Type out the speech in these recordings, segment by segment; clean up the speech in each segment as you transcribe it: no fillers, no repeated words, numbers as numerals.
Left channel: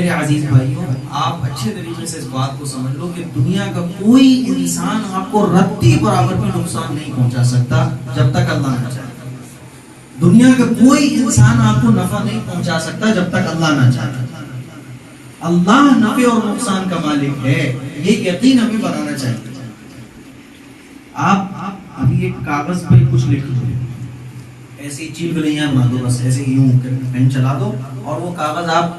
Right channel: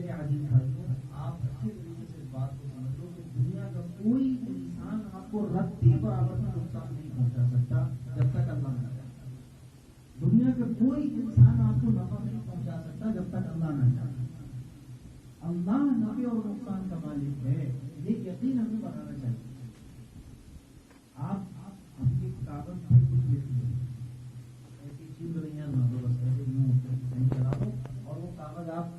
میرے عزیز بھائیوں، آپ اچھے طریقے سے اس بات کو سمجھ لو کہ دنیا کا کوئی انسان آپ کو رتی برابر بھی نقصان نہیں پہنچا سکتا جب تک اللہ نہ چاہے. دنیا کا کوئی انسان آپ کو نفع نہیں پہنچا سکتا جب تک اللہ نہ چاہے. اللہ نفع اور نقصان کا مالک ہے، یہ یقین ہمیں بنانا چاہیے. آپ ابھی ایک کاغذ پہ کچھ لکھ دو، ایسی چیل گلیاں بنا دو، بس ایسے یوں پین چلا دو اور وہ کاغذ آپ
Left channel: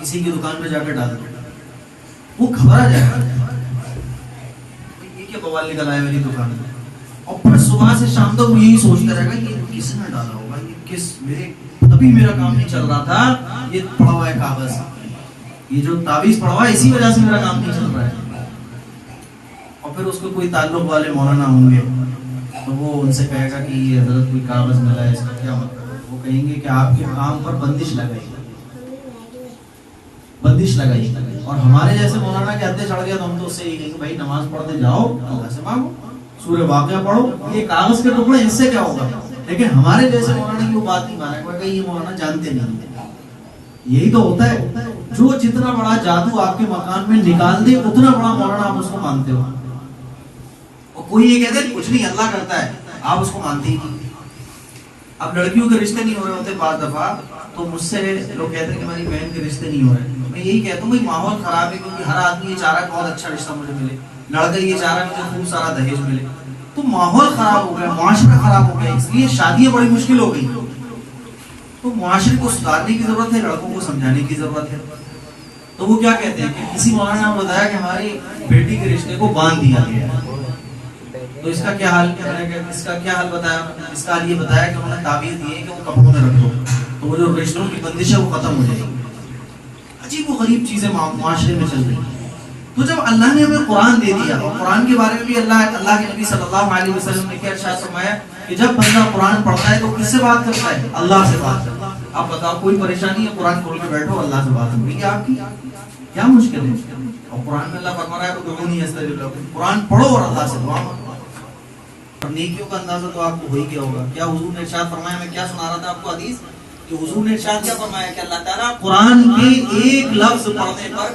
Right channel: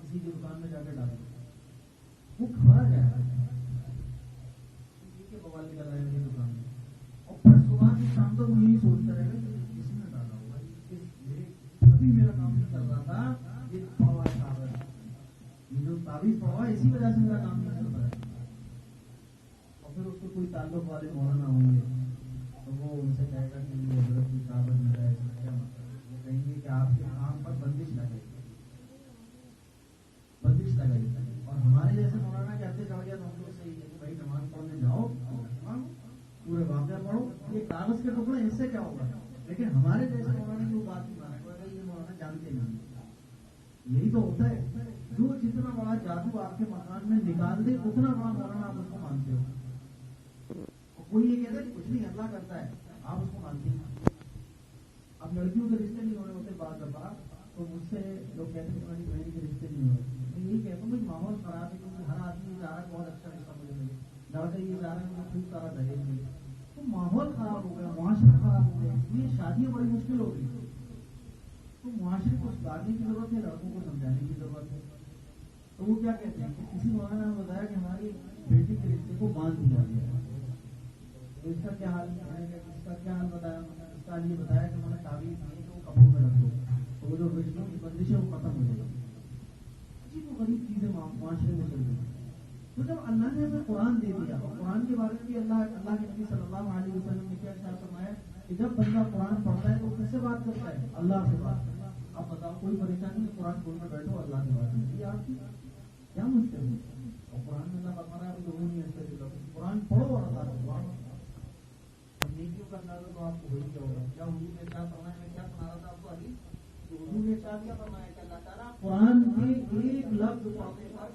کسی کی دکان پہ جا کے ڈال دو، وہ گھبرا جائے گا، یہ کیا بوال نکل آیا میری دکان میں. اور پھر صبح سے شام تک وہ یہی سوچتا رہے گا یہ کس نے ڈالا ہوگا، یہ کس میرے ابھی میرا کام نہیں چل رہا تھا، یہ پڑا ہوا ہے کاغذ، یہ جو تعویذ پڑا ہوا ہے اسی وجہ سے میرا کام نہیں چل رہا ہے. اور پھر اس کو کوئی تعلق والے مولانا ہوں گے تو وہ ان سے کہے گا کہ یہ حضرت کوئی کاغذ ملا ہے، اس کا کیا مطلب ہے. وہ کہیں گے کہ آپ کے کام پر بندش لگائی، بندش لگائی. اور ہمارے جیسے مولانا کے ہاتھے چڑھ گیا تو ہم تو اس سے یہ کہیں کہ بھائی نماز پڑھتے جاؤ، اللہ سے مانگو، سورہ واقعہ پڑھو، یہ کاغذ کے ٹکڑے اس سے کیا ہوگا. لیکن ہمارے جیسے مولانا کی وہ بات نہیں مانا، کہ یہ مولانا جانتے نہیں. یہی تو ہوتا ہے، جو جتنا بڑا جادو آپ کے مکان میں نکال دے اتنا بڑا مولانا آپ اس کو مانتے ہو. اور کوئی یہ کہتے کچھ نہیں اللہ کرتا ہے، آپ اس کو مانتے ہی نہیں. اب لڑکیوں کے رشتے نہیں ہو رہے ہوتے بعض دفعہ تو مجھ سے لوگ کہتے ہیں کہ ہماری بہن کے رشتے نہیں ہو رہے. میں یہی کہتا ہوں بھائی ماحول خراب ہے، کیونکہ ہر آدمی یہ چاہ رہا ہے بہت اچھا رشتہ مجھے ملے، لڑکا یہ چاہ رہا ہے مجھے خوب سارا دہیج ملے. تو ماحول خراب ہو گیا، معاشرہ خراب ہو گیا، اس لیے شادیاں بڑی مشکل ہو گئی. تو معاشرے کو سدھارنے کی ضرورت ہے، لڑکوں کو سمجھانے کی ضرورت ہے. تو وہ کیا کہتے ہیں کہ کسی مولانا نے بتایا کہ ہماری بیٹی کے رشتے کو باندھ دیا گیا ہے، تو اس کا کیا حال ہے. اس کا کیا حل بتایا، اس کا حل یہ بتایا کہ انہوں نے تعویذ دی ہے کہ وہ کپڑوں میں رکھ دو تو وہ جو رشتوں کی بندش ہے وہ ختم ہو جائے گی. عجیب و غریب چیزیں معاشرے میں چل رہی ہیں. تو جب اللہ نے ہمیں قرآن دے دیا، اور قرآن کے بارے میں بھی اللہ کے نبی صلی اللہ علیہ وسلم نے کیا ارشاد فرمایا کہ جب بندہ قرآن پڑھتا ہے تو کس سے بات کرتا ہے، اللہ سے بات کرتا ہے. آپ بتاؤ کوئی پریشانی ہے، قرآن کھول کے بیٹھو، اللہ سے بات ہو رہی ہے آپ کی، کیا مشکل ہے. اور قرآن میں اللہ فرما رہا ہے ادعونی استجب لکم، قرآن پڑھو اور اللہ سے دعا مانگو. اور نیکیوں کا اندازہ تو آپ کو ہو ہی گیا ہوگا. کیا حضور نے ارشاد فرمایا، میں کیا سنا رہا تھا آپ کو حدیث، کہ حضور نے ارشاد کیا فرمایا کہ اللہ تعالیٰ قرآن کے ایک لفظ پڑھنے پر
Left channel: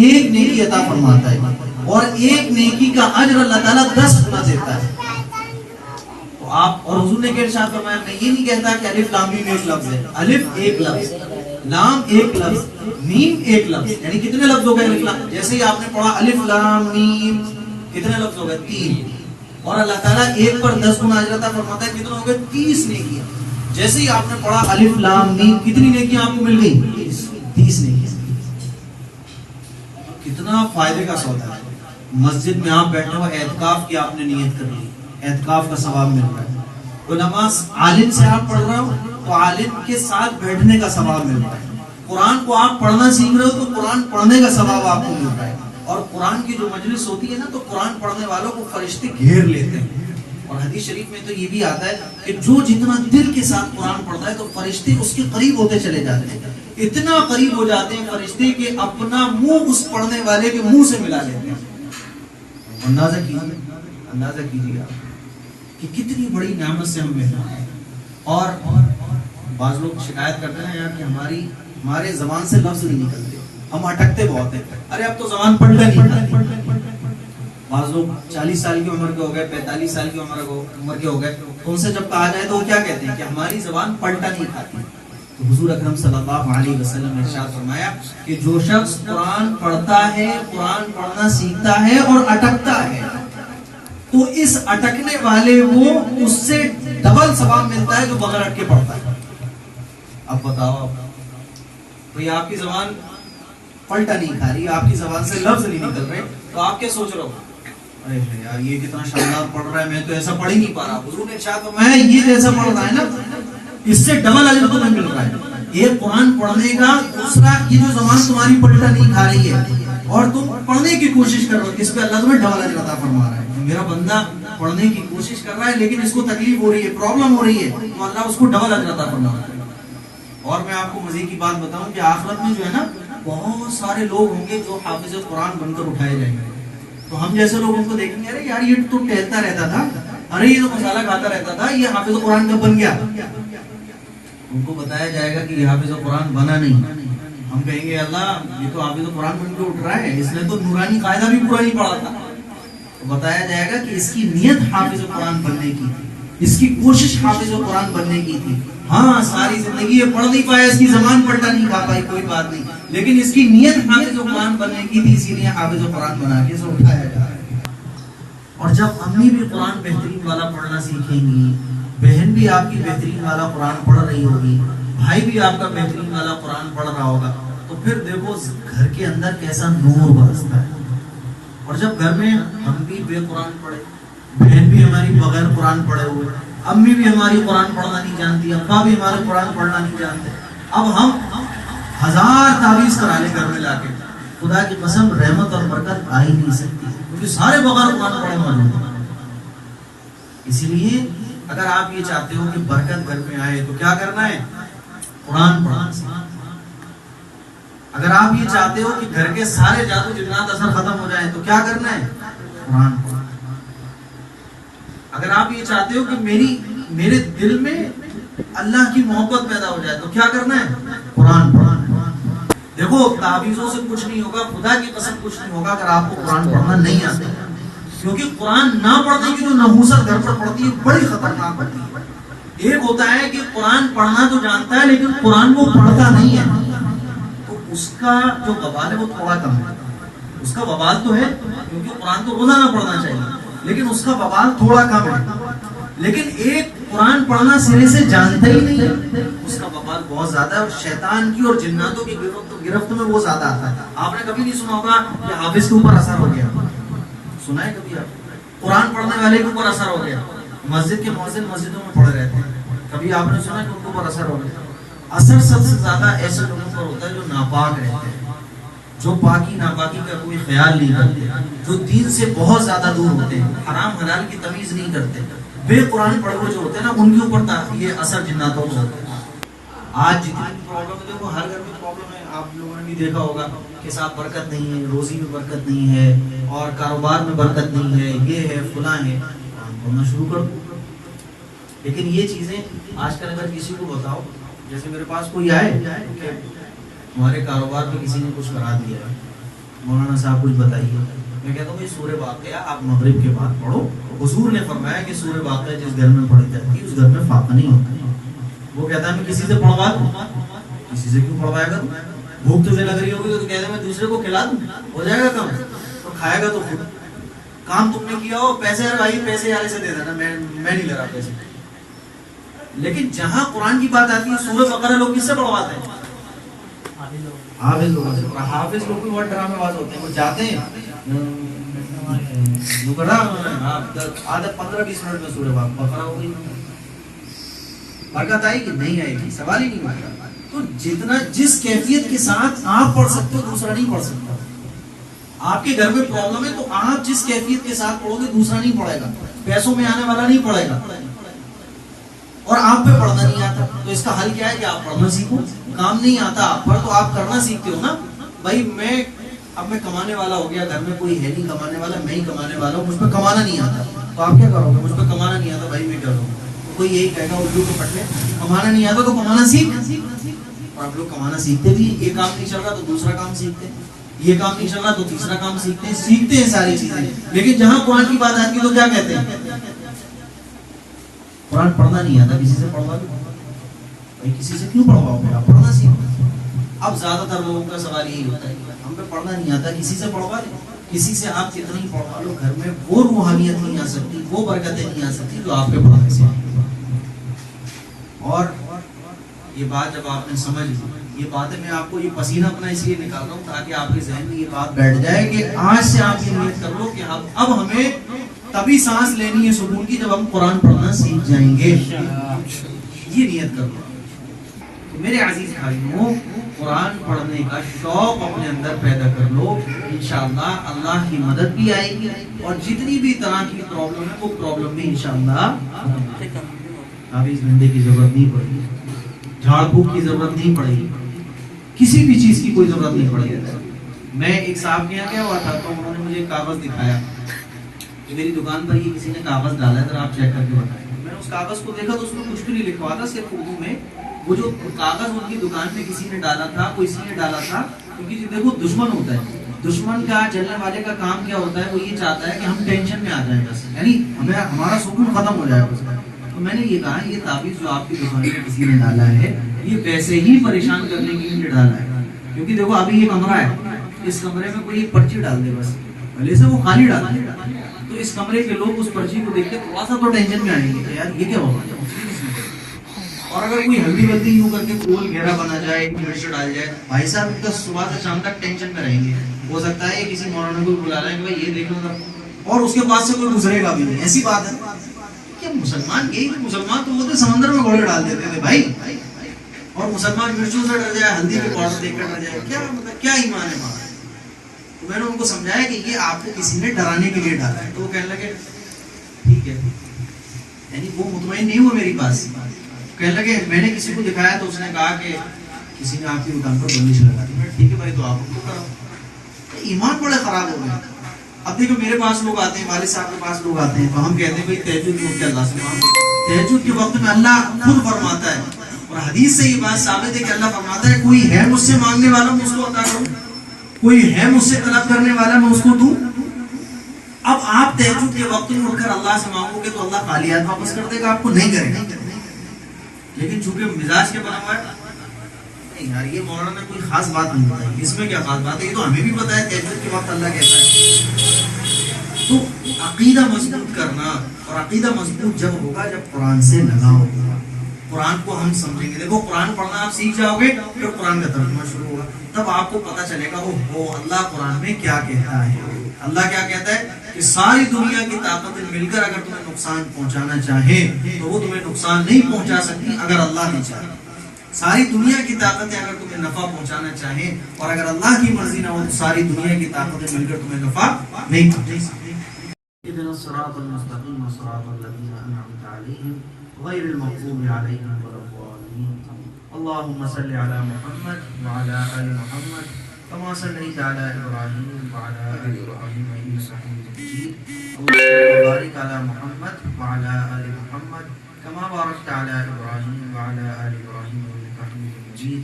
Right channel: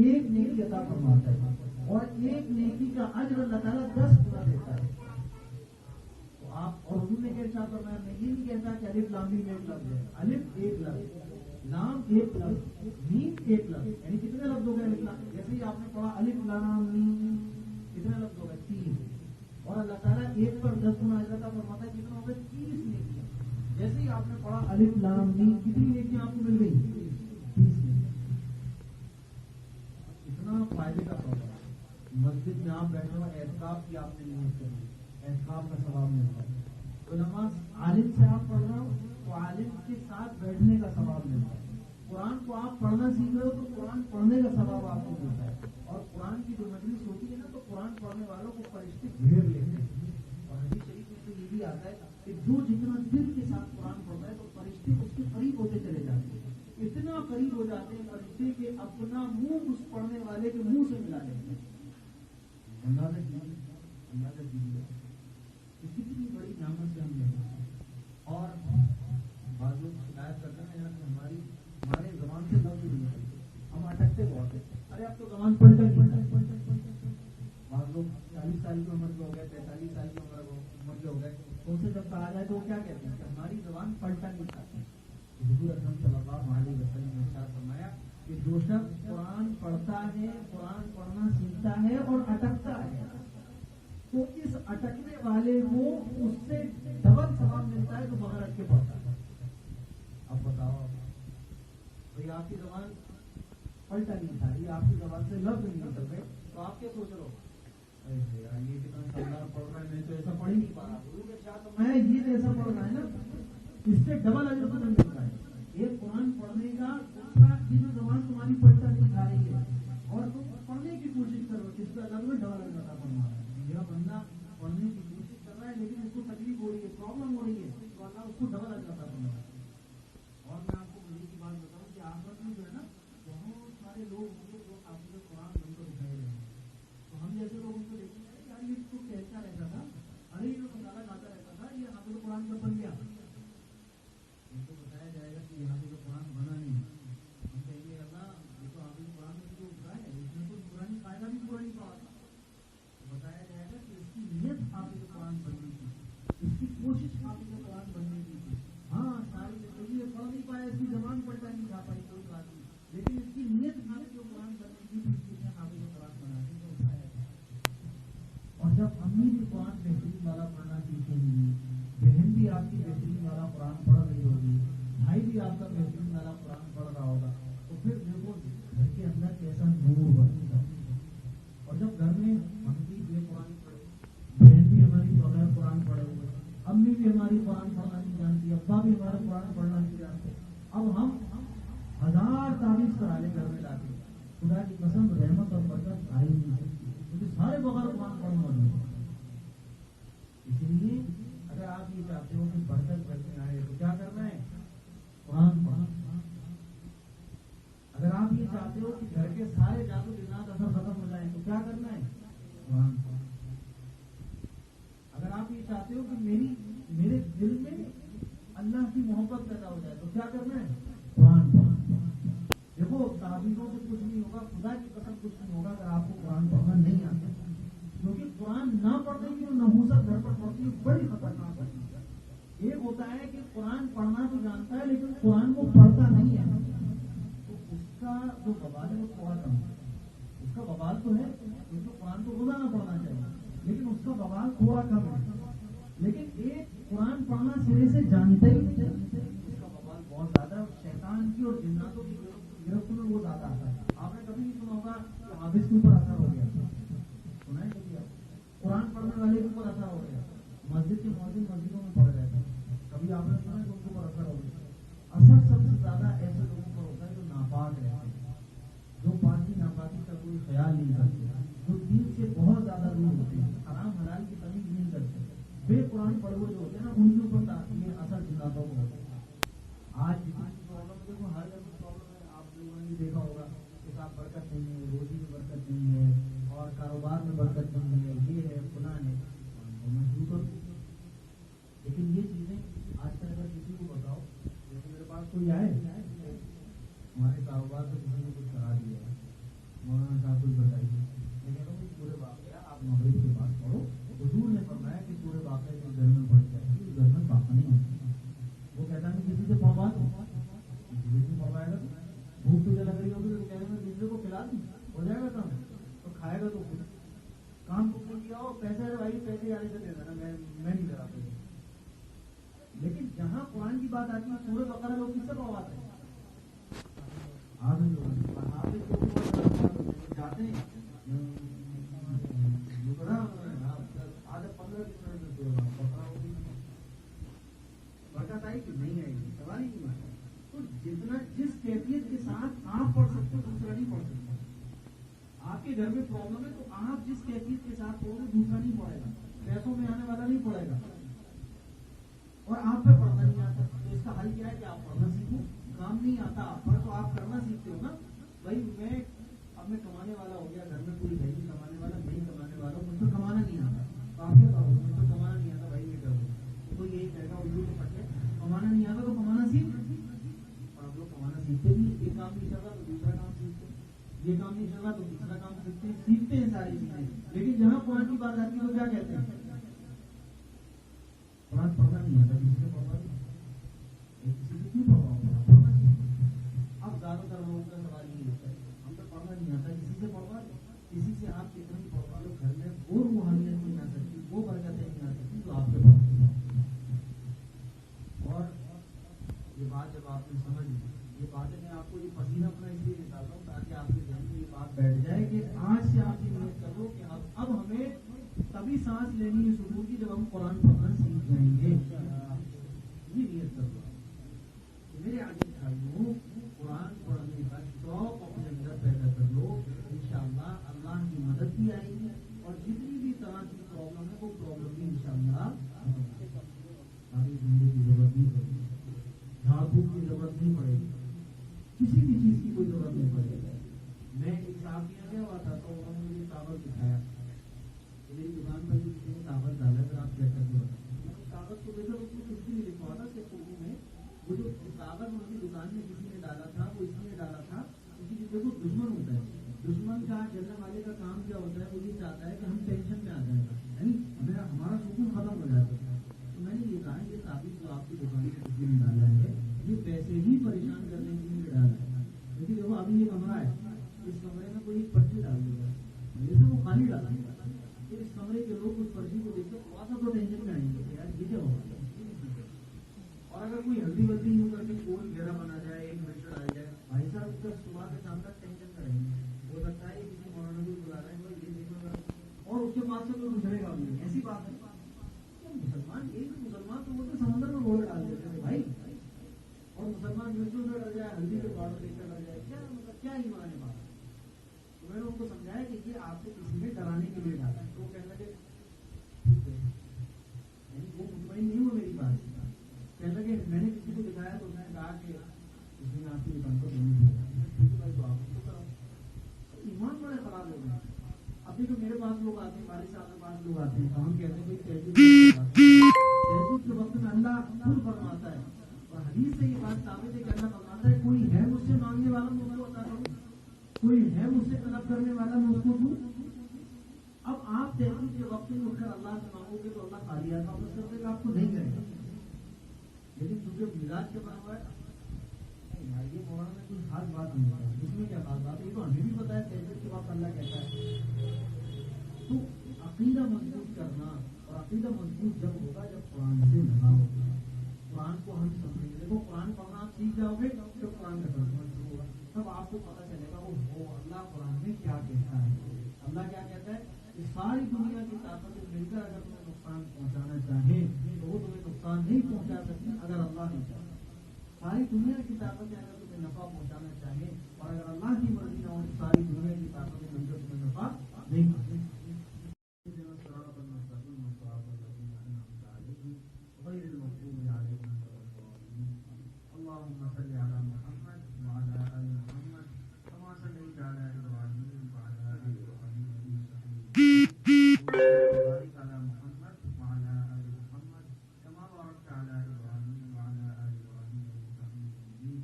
ایک نیکی عطا فرماتا ہے، اور ایک نیکی کا اجر اللہ تعالیٰ 10 گنا دیتا ہے. تو آپ، اور حضور نے کیا ارشاد فرمایا، میں یہ نہیں کہتا کہ الف لام میم ایک لفظ ہے، الف ایک لفظ، لام ایک لفظ، میم ایک لفظ، یعنی کتنے لفظ ہو گئے الف لام. جیسے ہی آپ نے پڑھا الف لام میم، کتنے لفظ ہو گئے، 3. اور اللہ تعالیٰ ایک پر 10 گنا اجر عطا فرماتا ہے، کتنے ہو گئے، 30 نیکیاں. جیسے ہی آپ نے پڑھا الف لام میم، کتنی نیکیاں آپ کو مل گئی، 30 نیکیاں. کتنا فائدے کا سودا ہے. مسجد میں آپ بیٹھے ہو، اعتکاف کی آپ نے نیت کر لی، اعتکاف کا ثواب مل رہا ہے. علماء، عالم سے آپ پڑھ رہے ہو تو عالم کے ساتھ بیٹھنے کا ثواب مل رہا ہے. قرآن کو آپ پڑھنا سیکھ رہے ہو تو قرآن پڑھنے کا ثواب آپ کو مل رہا ہے. اور قرآن کی جو مجلس ہوتی ہے نا، تو قرآن پڑھنے والوں کو فرشتے گھیر لیتے ہیں. اور حدیث شریف میں تو یہ بھی آتا ہے کہ جو جتنا دل کے ساتھ قرآن پڑھتا ہے تو فرشتے اس کے قریب ہوتے چلے جاتے ہیں. اتنا قریب ہو جاتے ہیں فرشتے کہ اپنا منہ اس پڑھنے والے کے منہ سے ملا لیتے ہیں. اندازہ کیجیے آپ کہ کتنی بڑی نعمت سے ہم محروم ہیں. اور بعض لوگ شکایت کرتے ہیں یار کہ ہمارے زبان سے لفظ نہیں نکلتے، ہم اٹکتے بہت ہیں. ارے اب تو زبان پلٹا نہیں. بعض لوگ 40 سال کی عمر کے ہو گئے، 45 سال کی عمر کے ہو گئے، تو ان سے جب کہا جائے تو وہ کیا کہتے ہیں کہ ہماری زبان پلٹا نہیں کھاتی. تو حضور اکرم صلی اللہ علیہ وسلم نے ارشاد فرمایا کہ جو شخص قرآن پڑھتا ہے، قرآن پڑھنا سیکھتا ہے اور اٹکتا ہے، تو اس اٹکنے والے کو اس سے ڈبل ثواب ملتا ہے جو بغیر اٹکے پڑھتا ہے. اب بتاؤ بھئی آپ کی زبان پلٹا نہیں کھا رہی، آپ کی زبان سے لفظ نہیں نکل رہے، تو آپ کیا سوچ رہے ہو، ارے یار یہ کتنا شاندار پڑھ رہا ہے، میں تو ایسا پڑھ ہی نہیں پا رہا. حضور نے ارشاد فرمایا یہ جیسا پڑھ رہا ہے نا، اس سے ڈبل اجر تمہیں مل رہا ہے. ایک قرآن پڑھنے کا، دوسرا یہ جو زبان تمہاری پلٹا نہیں کھا رہی ہے اور تم پڑھنے کی کوشش کر رہے ہو، اس پہ اللہ تمہیں ڈبل اجر عطا فرما رہا ہے. میرا بندہ پڑھنے کی کوشش کر رہا ہے لیکن اس کو تکلیف ہو رہی ہے، پرابلم ہو رہی ہے، تو اللہ اس کو ڈبل اجر عطا فرما رہا ہے. اور میں آپ کو مزے کی بات بتاؤں کہ آخرت میں جو ہے نا، بہت سارے لوگ ہوں گے جو حافظ قرآن بن کر اٹھائے جائیں گے. تو ہم جیسے لوگ ان کو دیکھیں گے، ارے یار یہ تو ٹہلتا رہتا تھا، ارے یہ تو مسالہ کھاتا رہتا تھا، یہ حافظ قرآن کب بن گیا. ان کو بتایا جائے گا کہ یہ حافظ قرآن بنا نہیں، ہم کہیں گے اللہ یہ تو حافظ قرآن بن کے اٹھ رہا ہے، اس نے تو نورانی قاعدہ بھی پورا نہیں پڑھا تھا. تو بتایا جائے گا کہ اس کی نیت حافظ قرآن بننے کی تھی، اس کی کوشش حافظ قرآن بننے کی تھی. ہاں ساری زندگی یہ پڑھ نہیں پایا، اس کی زبان پلٹا نہیں کھا پائی، کوئی بات نہیں، لیکن اس کی نیت حافظ قرآن بننے کی تھی، اسی لیے حافظ قرآن بنا کے اسے اٹھایا جا رہا ہے. اور جب امی بھی قرآن بہترین والا پڑھنا سیکھیں گی، بہن بھی آپ کی بہترین والا قرآن پڑھ رہی ہوگی، بھائی بھی آپ کا بہترین والا قرآن پڑھ رہا ہوگا، تو پھر دیکھو گھر کے اندر کیسا نور برستا ہے. اور جب گھر میں ہم بھی بے قرآن پڑھے، بہن بھی ہماری بغیر قرآن پڑھے ہوئے، امی بھی ہماری قرآن پڑھنا نہیں جانتی، ابا بھی ہمارے قرآن پڑھنا نہیں جانتے، اب ہم 1000 تعویذ کرا لیں گھر میں لا کے، خدا کی قسم رحمت اور برکت آ ہی نہیں سکتی، کیونکہ سارے بغیر قرآن پڑھے موجود ہیں. اسی لیے اگر آپ یہ چاہتے ہو کہ برکت گھر میں آئے تو کیا کرنا ہے؟ قرآن پڑھنا. اگر آپ یہ چاہتے ہو کہ گھر کے سارے جادو جنات اثر ختم ہو جائیں تو کیا کرنا ہے؟ قرآن پڑھنا. اگر آپ یہ چاہتے ہو کہ میرے دل میں اللہ کی محبت پیدا ہو جائے تو کیا کرنا ہے؟ قرآن پڑھنا. دیکھو تعویذوں سے کچھ نہیں ہوگا، خدا کی قسم کچھ نہیں ہوگا اگر آپ کو قرآن پڑھنا نہیں آتا، کیونکہ قرآن نہ پڑھنے کی جو نحوست گھر پر پڑتی ہے بڑی خطرناک ہوتی ہے. ایک ہوتا ہے کہ قرآن پڑھنا تو جانتا ہے لیکن قرآن وہ پڑھتا نہیں ہے، تو اس کا جو وبال ہے وہ تھوڑا کم ہے. اس کا وبال تو ہے کیونکہ قرآن تو روزانہ پڑھنا چاہیے، لیکن اس کا وبال تھوڑا کم ہے. لیکن ایک قرآن پڑھنا سرے سے جانتا ہی نہیں ہے، اس کا وبال بہت زیادہ ہے، اور شیطان کی اور جناتوں کی گرفت میں وہ زیادہ آتا ہے. آپ نے کبھی نہیں سنا ہوگا کہ حافظ کے اوپر اثر ہو گیا، سنا ہے کبھی آپ؟ قرآن پڑھنے والے کے اوپر اثر ہو گیا. مسجد کے مؤذن مسجدوں میں پڑھ رہے تھے، کبھی آپ نے سنا کہ ان کے اوپر اثر ہو گیا؟ اثر سب سے زیادہ ایسے لوگوں پر ہوتا ہے جو ناپاک رہتے ہیں، جو پاکی ناپاکی کا کوئی خیال نہیں کرتے، جو دین سے بہت زیادہ دور ہوتے ہیں، حرام حلال کی تمیز نہیں کرتے، بے قرآن پڑھے ہوئے جو ہوتے ہیں نا، ان کے اوپر یہ اثر جناتوں کو ہوتا ہے. آج جتنی پرابلم ہے، دیکھو ہر گھر میں پرابلم ہے. آپ لوگوں نے بھی دیکھا ہوگا کہ صاحب برکت نہیں ہے، روزی میں برکت نہیں ہے، اور کاروبار میں برکت نہیں ہے، یہ ہے فلاں ہے. پڑھنا شروع کر دو. لیکن یہ چیزیں آج کل اگر کسی کو بتاؤ، جیسے میرے پاس کوئی آئے کہ ہمارے کاروبار میں کسی نے کچھ کرا دیا ہے، مولانا صاحب کچھ بتائیے، میں کہتا ہوں بھائی سورہ واقعہ آپ مغرب کے بعد پڑھو. حضور نے فرمایا کہ سورہ واقعہ جس گھر میں پڑھی جاتی ہے اس گھر میں فاقہ نہیں ہوتا. وہ کہتا ہے میں کسی سے پڑھوا دوں، کسی سے کیوں پڑھوائے گا؟ بھوک تجھے لگ رہی ہوگی تو کہتے ہیں میں دوسرے کو کھلا دوں، ہو جائے گا کام، تو کھائے گا تو خود. کام تم نے کیا ہو، پیسے بھائی پیسے والے سے دے دینا، میں نہیں لے رہا پیسے. لیکن جہاں قرآن کی بات آتی ہے سورہ بقرہ لوگ کس سے پڑھواتے ہیں؟ حافظ لوگوں سے. حافظ لوگ بھی بہت ڈرامے باز ہوتے ہیں، وہ جاتے ہیں آدھا 15-20 منٹ میں سورہ بقرہ ہو گئی. برکت آئے گی نہیں آئے گی، سوال ہی نہیں ہوگا. تو جتنا جس کیفیت کے ساتھ آپ پڑھ سکتے ہو دوسرا نہیں پڑھ سکتا. آپ کے گھر میں پرابلم ہے تو آپ جس کیفیت کے ساتھ پڑھو گے دوسرا نہیں پڑھے گا، پیسوں میں آنے والا نہیں پڑھے گا، اور آپ پہ پڑھنا نہیں آتا. تو اس کا حل کیا ہے کہ آپ پڑھنا سیکھو. کام نہیں آتا آپ پر تو آپ کرنا سیکھتے ہو نا. بھائی اب میں کمانے والا ہو گیا، گھر میں کوئی ہے نہیں کمانے والا، میں ہی کمانے والا ہوں، مجھ پہ کمانا نہیں آتا، تو آپ کیا کرو گے؟ مجھ پہ کمانا نہیں آتا بھائی میں کیا کروں؟ تو کوئی یہی کہے گا اردو کے پٹلے کمانا نہیں آتا تو کمانا سیکھ. اور آپ لوگ کمانا سیکھتے بھی، یہ کام نہیں چل رہا تو دوسرا کام سیکھتے ہیں، یہ کام نہیں چل رہا تو تیسرا کام سیکھتے ہیں ساری چیزیں. لیکن جہاں قرآن کی بات آتی ہے تو کیا کہتے ہیں؟ قرآن پڑھنا نہیں آتا کسی سے پڑھوا دو. بھائی کسی سے کیوں پڑھواؤ گے؟ آپ پڑھنا سیکھو. اب زیادہ تر لوگوں کا سوال یہی ہوتا ہے ہم پہ پڑھنا نہیں آتا، کسی سے پڑھوا دیں. کسی سے آپ کتنا ہی پڑھوا لو، گھر میں وہ روحانیت نہیں آ سکتی، وہ برکتیں نہیں آ سکتی جو آپ کے پڑھنے سے. اور یہ بات جب آپ نے سمجھ لی، یہ باتیں میں آپ کو یہ پسینہ اپنا اس لیے نکال رہا ہوں تاکہ آپ کے ذہن میں یہ بات بیٹھ جائے کہ آج سے آپ یہ نیت کر لو کہ اب ہمیں تبھی سانس لینی ہے سکون کی جب ہم قرآن پڑھنا سیکھ جائیں گے. یہ نیت کر لو. میرے عزیز بھائیوں، قرآن پڑھنے کا شوق اپنے اندر پیدا کر لو، انشاءاللہ اللہ کی مدد بھی آئے گی، اور جتنی بھی طرح کی پرابلم ہے وہ پرابلم بھی انشاءاللہ تعویذ ڈنڈے کی ضرورت نہیں پڑے گی، جھاڑ پھونک کی ضرورت نہیں پڑے گی، کسی بھی چیز کی کوئی ضرورت نہیں پڑے گی. میں ایک صاحب کے یہاں گیا ہوا تھا تو انہوں نے مجھے کاغذ دکھایا کہ میری دکان پر یہ کسی نے کاغذ ڈالا ہے، ذرا آپ چیک کر کے بتائیں. میں نے اس کاغذ کو دیکھا تو اس میں کچھ بھی نہیں لکھا ہوا تھا، صرف اردو میں وہ جو کاغذ ان کی دکان پہ کسی نے ڈالا تھا وہ اس لیے ڈالا تھا کیونکہ دیکھو دشمن ہوتا ہے، دشمن کا جلنے والے کا کام کیا ہوتا ہے، وہ یہ چاہتا ہے کہ ہم ٹینشن میں آ جائیں بس، یعنی ہمارا سکون ختم ہو جائے بس۔ تو میں نے یہ کہا یہ تعویذ جو آپ کی دکان پہ کسی نے ڈالا ہے یہ ویسے ہی پریشان کرنے کے لیے ڈالا ہے، کیونکہ دیکھو ابھی یہ کمرہ ہے، اس کمرے میں کوئی ایک پرچی ڈال دے بس، بھلے سے وہ خالی ڈال دے تو اس کمرے کے لوگ اس پرچی کو دیکھ کے تھوڑا سا تو ٹینشن میں آئیں گے کہ یار یہ کیا ہوگا۔ اور اگر کوئی ہلدی ولدی یوں کر کے گول گھیرا بنا جائے، مرچ ڈال جائے، بھائی صاحب ان کا صبح سے شام تک ٹینشن میں رہیں گے، ہو سکتا ہے کسی مولانا کو بلا رہے ہیں کہ بھائی یہ دیکھ لو ذرا، اور اس کے پاس سے کوئی گزرے گا بھی نہیں، ایسی بات ہے کہ مسلمان یہی تھے، مسلمان تو وہ تھے سمندر میں گھوڑے ڈال دیتے تھے بھائی، اور مسلمان مرچوں سے ڈر جائے، ہلدی کے پاؤڈر دیکھ کر ڈر جائے، کیا مطلب کیا ایمان ہے ہمارا۔ تو میں نے ان کو سمجھایا کہ یہ آپ کو کسی نے ڈرانے کے لیے ڈالا ہے، تو وہ کہنے لگے ٹھیک ہے، یعنی وہ مطمئن نہیں ہوا میری بات سے، کہنے لگے میں نے کسی کو دکھایا تو اس نے کہا کہ کسی نے آپ کی دکان پر بندش لگا دی، ٹھیک ہے بھائی تو آپ ان کو کراؤ۔ ایمان بڑے خراب ہو گئے۔ اب دیکھو میرے پاس لوگ آتے ہیں، والد صاحب کے پاس لوگ آتے ہیں، تو ہم کہتے ہیں بھائی تہجد کے وقت اللہ سے مانگو، تہجد کے وقت میں اللہ خود فرماتا ہے، اور حدیث سے یہ بات ثابت ہے کہ اللہ فرماتا ہے کوئی ہے مجھ سے مانگنے والا میں اس کو عطا کروں، کوئی ہے مجھ سے طلب کرنے والا میں اس کو دوں۔ اب آپ تہجد کے وقت میں اٹھ کر اللہ سے مانگو گے تو اللہ خالی ہاتھ واپس کر دے گا، آپ کو نہیں کرے گا، لیکن چونکہ مزاج کے بنا ہوا ہے نہیں یار یہ مولانا نے کوئی خاص بات نہیں بتائی، اس میں کیا خاص بات ہے، یہ تو ہمیں بھی پتا ہے تہجد کے وقت اللہ کہتا ہے۔ تو عقیدہ مضبوط کرنا، اور عقیدہ مضبوط جب ہوگا جب قرآن سے لگا ہوگا، قرآن کو ہم سمجھیں گے، دیکھو قرآن پڑھنا آپ سیکھ جاؤ گے پھر قرآن کا ترجمہ شروع ہوگا، تب آپ کو پتا چلے گا وہ اللہ قرآن میں کیا کہتا ہے۔ اللہ کیا کہتا ہے کہ ساری دنیا کی طاقتیں مل کر اگر تمہیں نقصان پہنچانا چاہیں تو وہ تمہیں نقصان نہیں پہنچا سکتی اگر اللہ نہیں چاہے، ساری دنیا کی طاقتیں اگر تمہیں نفع پہنچانا چاہیں اور اگر اللہ کی مرضی نہ ہو تو ساری دنیا کی طاقتیں مل کر تمہیں نفع نہیں پہنچا سکتی۔ اهدنا الصراط المستقيم صراط الذين أنعمت عليهم غير المغضوب عليهم ولا الضالين اللهم صل على محمد وعلى آل محمد كما صليت على إبراهيم وعلى آل إبراهيم إنك حميد مجيد اللهم بارك على محمد وعلى آل محمد كما باركت على إبراهيم وعلى آل إبراهيم إنك حميد مجيد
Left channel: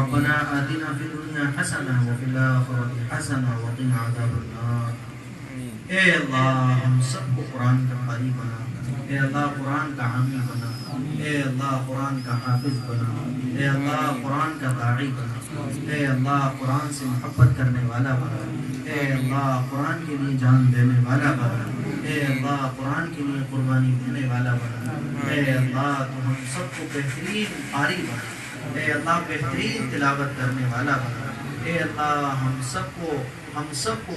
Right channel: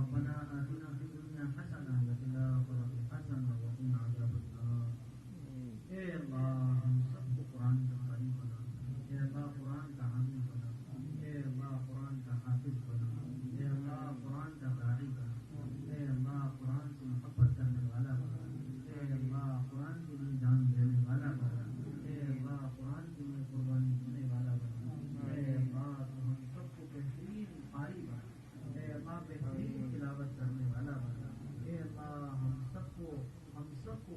ربنا آتنا في الدنيا حسنة وفي الآخرة حسنة وقنا عذاب النار۔ اے اللہ ہم سب کو قرآن کا قاری بنا، اے اللہ قرآن کا حامی بنا، اے اللہ قرآن کا حافظ بنا، اے اللہ قرآن کا داعی بنا، اے اللہ قرآن سے محبت کرنے والا بنا، اے اللہ قرآن کے لیے جان دینے والا بنا، اے اللہ قرآن کے لیے قربانی دینے والا بنا، اے اللہ تو ہم سب کو بہترین قاری بنا، اے اللہ بہترین تلاوت کرنے والا بنا، اے اللہ ہم سب کو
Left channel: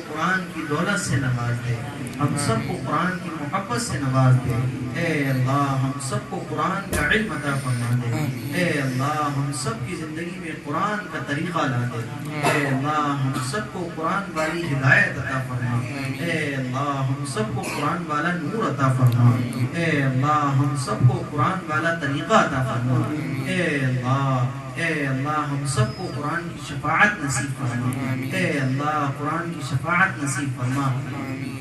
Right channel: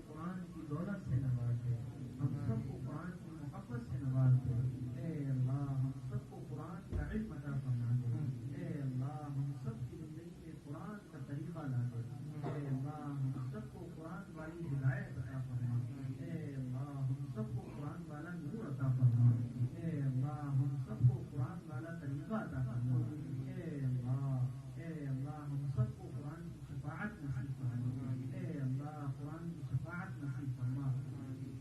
قرآن کی دولت سے نواز دے، ہم سب کو قرآن کی محبت سے نواز دے، اے اللہ ہم سب کو قرآن کا علم عطا فرما دے، اے اللہ ہم سب کی زندگی میں قرآن کا طریقہ لا دے، اے اللہ ہم سب کو قرآن والی ہدایت عطا فرما، اے اللہ ہم سب کو قرآن والا نور عطا فرما، اے اللہ ہم سب کو قرآن والا طریقہ عطا فرما، اے اللہ ہم سب کو قرآن کی شفاعت نصیب فرما، اے اللہ قرآن کی شفاعت نصیب فرما،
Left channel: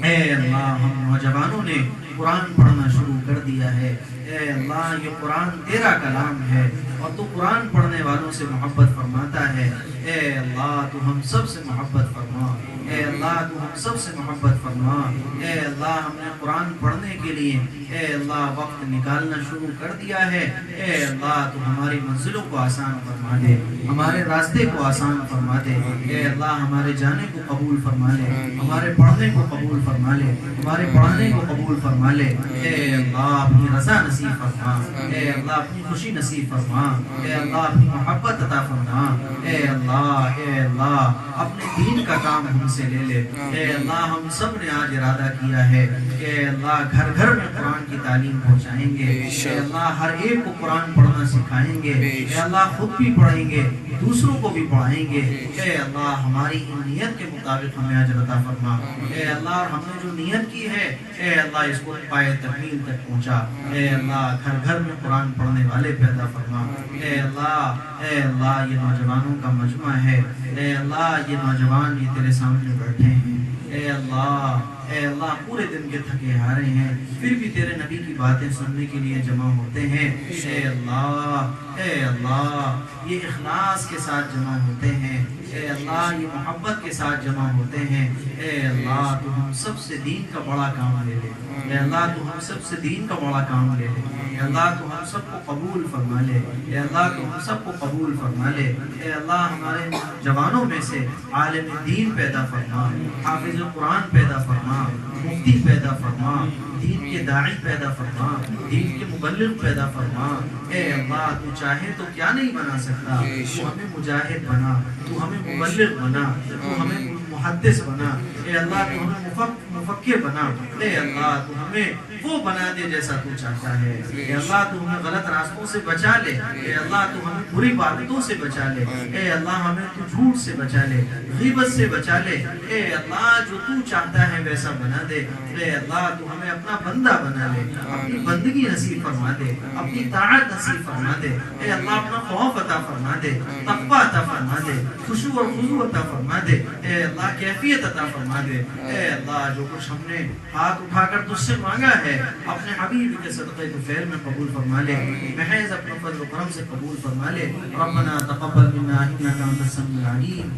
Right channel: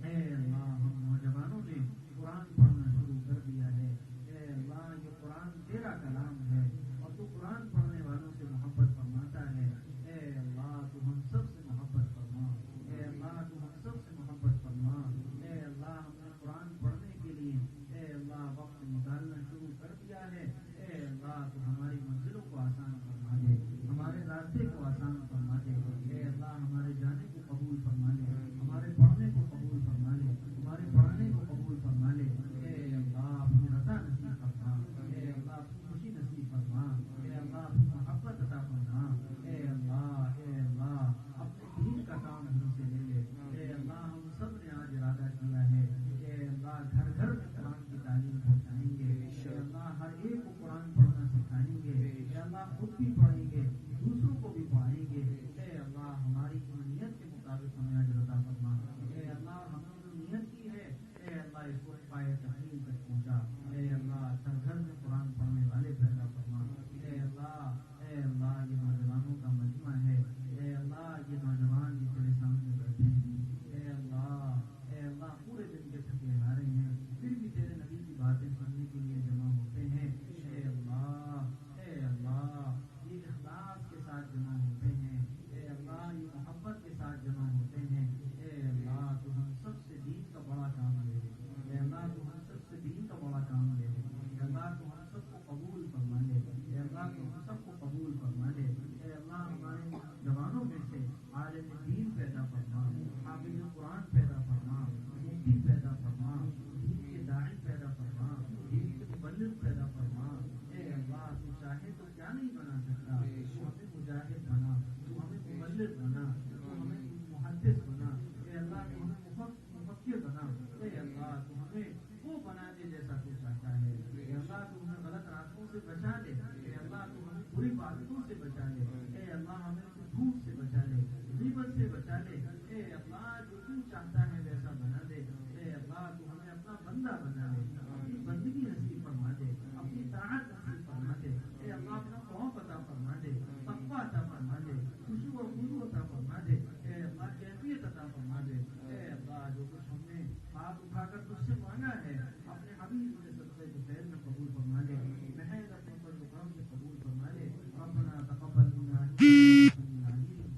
اے اللہ ہم نوجوانوں نے قرآن پڑھنا شروع کر دیا ہے، اے اللہ یہ قرآن تیرا کلام ہے اور تو قرآن پڑھنے والوں سے محبت فرماتا ہے، اے اللہ تو ہم سب سے محبت فرما، اے اللہ تو ہم سب سے محبت فرما، اے اللہ ہم نے قرآن پڑھنے کے لیے اے اللہ وقت نکالنا شروع کر دیا ہے، اے اللہ تو ہماری منزلوں کو آسان فرما دے، ہمارے راستے کو آسان فرما دے، اے اللہ ہمارے جانے کو قبول فرما لے، ہمارے پڑھنے کو قبول فرما لے، ہمارے پڑھانے کو قبول فرما لے، اے اللہ اپنی رضا نصیب فرما، اے اللہ اپنی خوشی نصیب فرما، اے اللہ اپنی محبت عطا فرما، اے اللہ اپنے دین کا کام ہم سے لے لے، اے اللہ ہم سب نے آج ارادہ کیا ہے کہ اے اللہ گھر گھر میں قرآن کی تعلیم پہنچائیں گے، اے اللہ ہر ایک کو قرآن پڑھنا سکھائیں گے، اے اللہ خود بھی پڑھیں گے دوسروں کو بھی پڑھائیں گے، اے اللہ ہماری نیت کے مطابق ہمیں اجر عطا فرما، اے اللہ ہم نے جو نیت کی ہے اے اللہ اس کو پائے تکمیل تک پہنچا، اے اللہ گھر گھر میں قرآن پڑھنے والے پیدا فرما، اے اللہ یہ نوجوانوں کا مجمع ہے، اے اللہ یہ نوجوان یہ تیرے سامنے بیٹھے ہیں، اے اللہ پورے دن کے تھکے ہارے ہیں پھر بھی تیرے نبی کی باتیں سننے کے لیے جمع ہوتے ہیں. اے اللہ یہ اخلاص کے ساتھ جمع ہوتے ہیں. اے اللہ یہ محبت کے ساتھ جمع ہوتے ہیں. اے اللہ تو ہم سب سے دین کا بڑا کام لے لے. اے اللہ تو ہم سب سے دین کا بڑا کام لے لے. اے اللہ تو ہم سب کو قبول فرما لے. اے اللہ تو ہم سب کو قبول فرما لے. اے اللہ ہمارے جوانوں میں سے عالم دین پیدا فرما, حافظ قرآن پیدا فرما, مفتی پیدا فرما, دین کے داعی پیدا فرما, دین کے مبلغ پیدا فرما. اے اللہ تو چاہے تو کیا نہیں بنا سکتا. تو ہمیں مجاہد بنا, تو ہمیں مبلغ بنا, تو ہمیں محدث بنا. اے اللہ تو ہمیں مفکر بنا. اے اللہ تو ہمیں وہ بنا دے جیسا تو چاہتا ہے. اے اللہ تو ہمیں غلط راستوں سے بچا لے. اے اللہ تو ہمیں بری باتوں سے بچا لے. اے اللہ ہمیں تو جھوٹ سے بچا لے, غیبت سے بچا لے. اے اللہ جو تو چاہتا ہے ویسا بنا دے. اے اللہ تو ہمیں اپنا بندہ بنا لے, اپنی بندگی نصیب فرما دے, اپنی طاعت نصیب فرما دے. اے اللہ اپنا خوف عطا فرما دے, تقوی عطا فرما دے, خشوع اور خضوع عطا فرما دے. اے اللہ کیفیت عطا فرما دے. اے اللہ جو کچھ ہم نے ہاتھ اٹھا کر تجھ سے مانگا ہے اپنے حبیب کے صدقے طفیل میں قبول فرما لے, محض اپنے فضل و کرم سے قبول فرما لے. ربنا تقبل منا انک انت السمیع العلیم.